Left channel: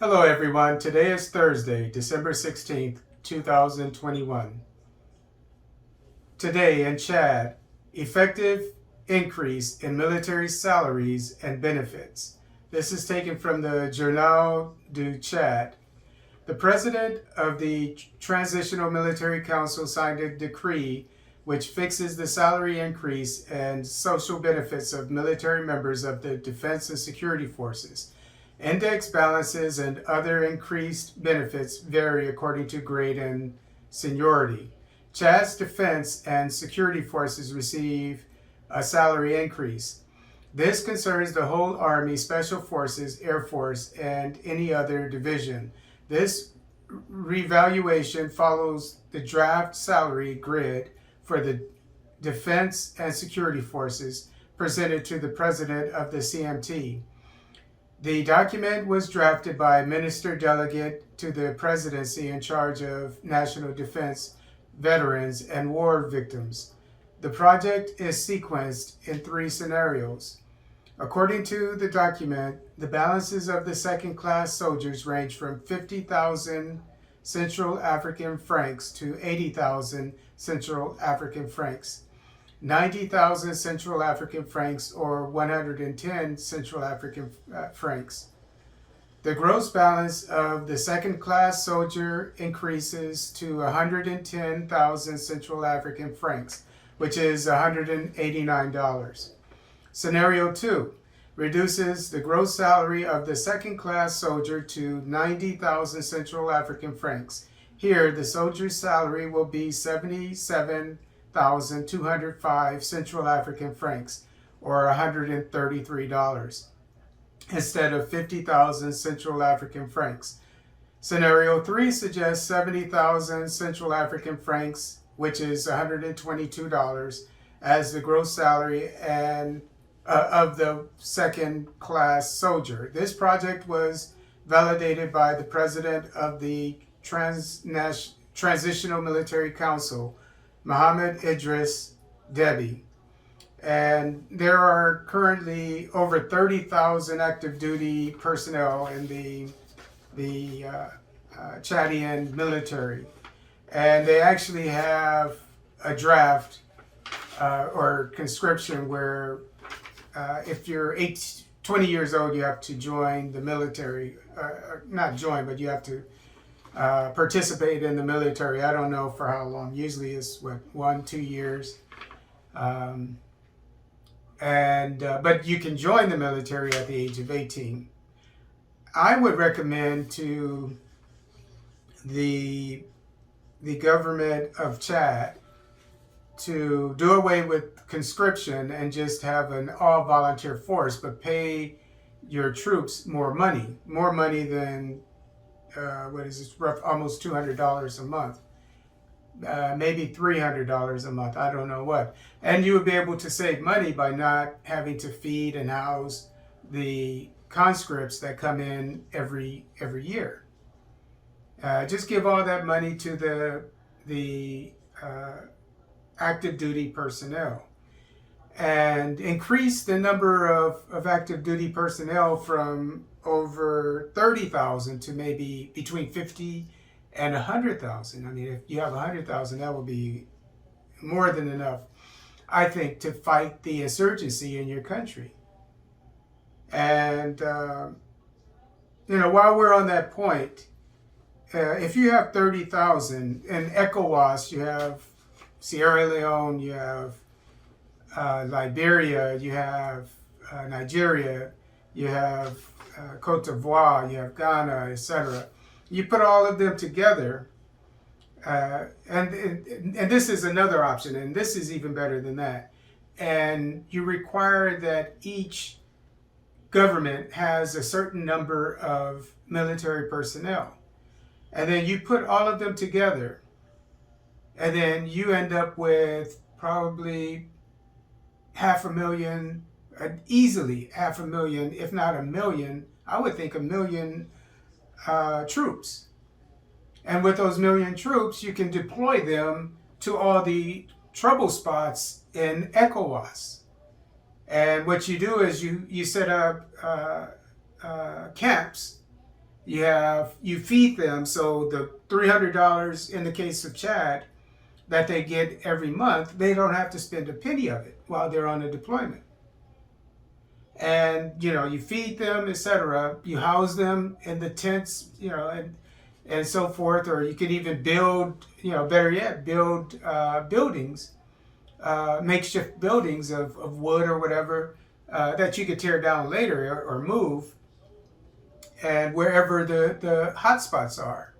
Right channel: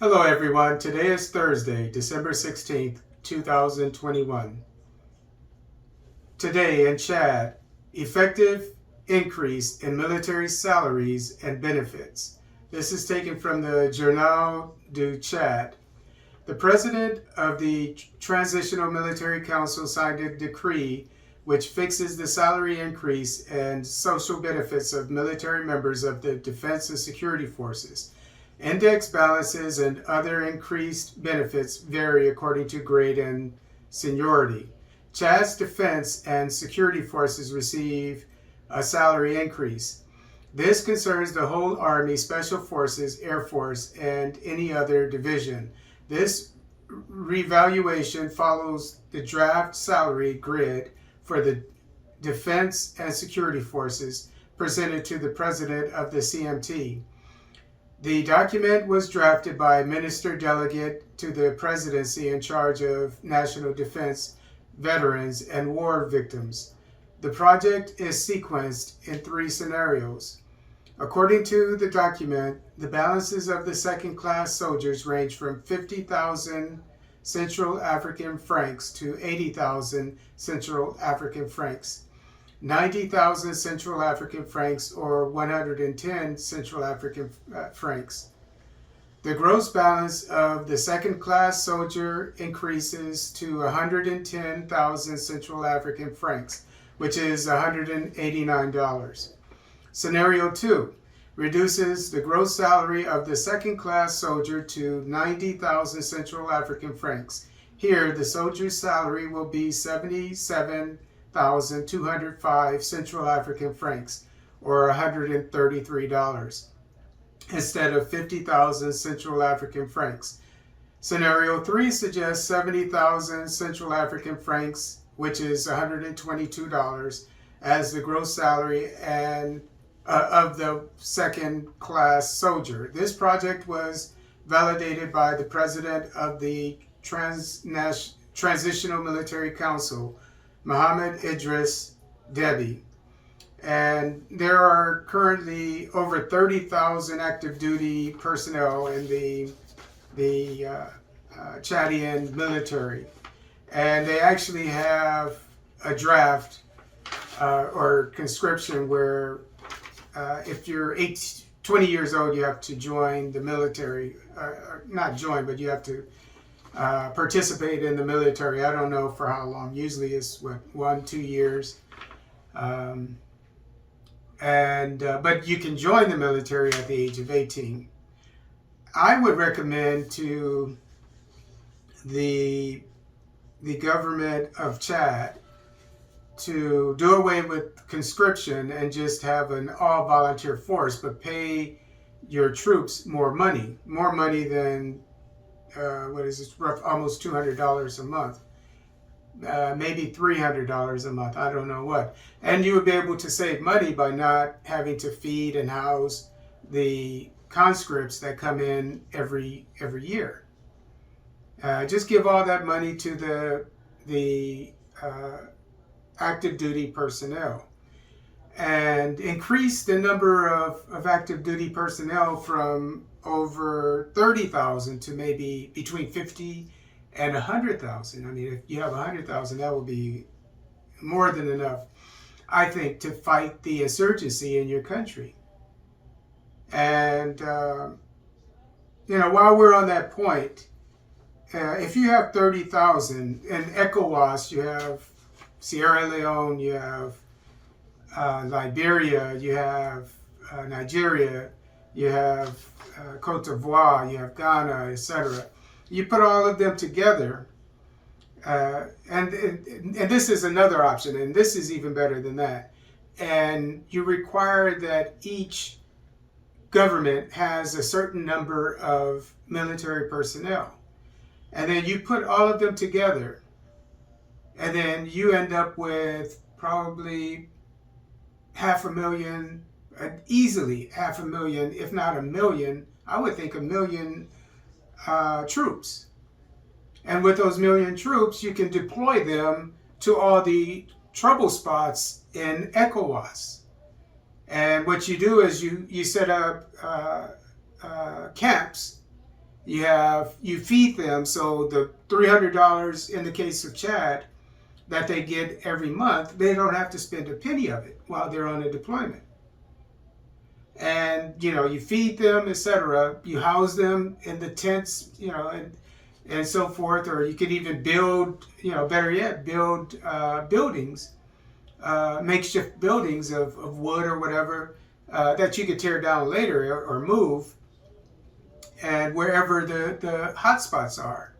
Hello everyone, today is Thursday, December 16th, 2021. Today in Chad, effective increase in military salaries and benefits. This is taken from the Journal du Chad. The president of the Transitional Military Council signed a decree which fixes the salary increase and social benefits of military members of the Defense and Security Forces. Index balances and other increased benefits vary according to grade and seniority. Chad's defense and security forces receive a salary increase. This concerns the whole Army, Special Forces, Air Force, and any other division. This revaluation follows the draft salary grid for the Defense and Security Forces presented to the President of the CMT. The document was drafted by a minister delegate to the presidency in charge of national defense, veterans, and war victims. The project is sequenced in 3 scenarios. According to the document, the balances of the second-class soldiers range from 50,000 Central African francs to 80,000 Central African francs. 90,000 Central African francs or 110 Central African francs. The gross balance of the second-class soldier increases to 110,000 Central African francs, which is $189. Scenario 2 reduces the gross salary of the second-class soldier to 90,000 Central African francs. Here, the soldier's salary will be 77,205 Central African francs, or $133, instead of 50,000 Central African francs. Scenario 3 suggests 70,000 Central African francs, which is $122, as the gross salary and of the second-class soldier. This project was validated by the president of the Transitional Military Council, Mohammed Idris Deby. And there are currently over 30,000 active duty personnel in the Chadian military. And they actually have a draft or conscription where if you're 20 years old, you have to join the military. Not join, but you have to participate in the military. I don't know for how long. Usually it's 1-2 years. But you can join the military at the age of 18. I would recommend to the government of Chad to do away with conscription and just have an all-volunteer force, but pay your troops more money than almost $200 a month, maybe $300 a month, I don't know what. And you would be able to save money by not having to feed and house the conscripts that come in every year. Just give all that money to the active duty personnel, and increase the number of active duty personnel from over 30,000 to maybe between 50 and 100,000. I mean, if you have 100,000, that would be more than enough, I think, to fight the insurgency in your country. And while we're on that point, if you have 30,000 in ECOWAS, you have Sierra Leone, you have Liberia, you have Nigeria, you have Cote d'Ivoire, you have Ghana, etc. You put all of them together, and this is another option, and this is even better than that. And you require that each government has a certain number of military personnel. And then you put all of them together, and then you end up with probably 500,000, easily 500,000, if not 1 million, I would think 1 million troops. And with those 1 million troops, you can deploy them to all the trouble spots in ECOWAS. And what you do is you set up camps You feed them, so the $300 in the case of Chad that they get every month, they don't have to spend a penny of it while they're on a deployment. And you feed them, etc. You house them in the tents, and so forth, or you could even build, better yet, build buildings, makeshift buildings of wood or whatever, that you could tear down later or move, and wherever the hot spots are.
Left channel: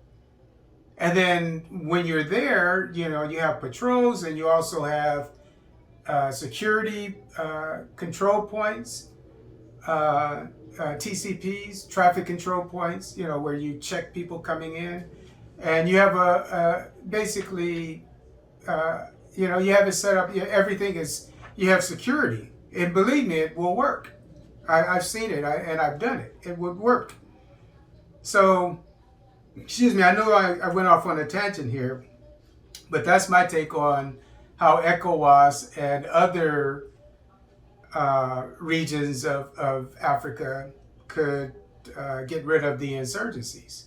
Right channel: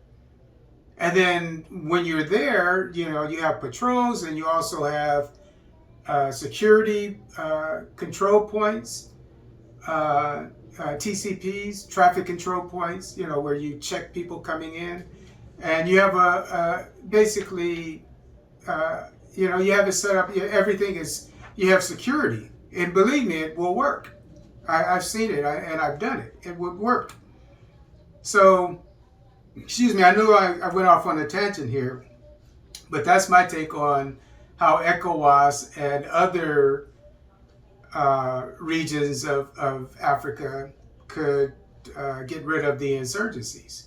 And then when you're there, you have patrols, and you also have security control points, TCPs, traffic control points, where you check people coming in. And you have basically, you have it set up, everything is, you have security. And believe me, it will work. I've seen it, and I've done it. It would work. So, excuse me, I know I went off on a tangent here, but that's my take on how ECOWAS and other regions of Africa could get rid of the insurgencies.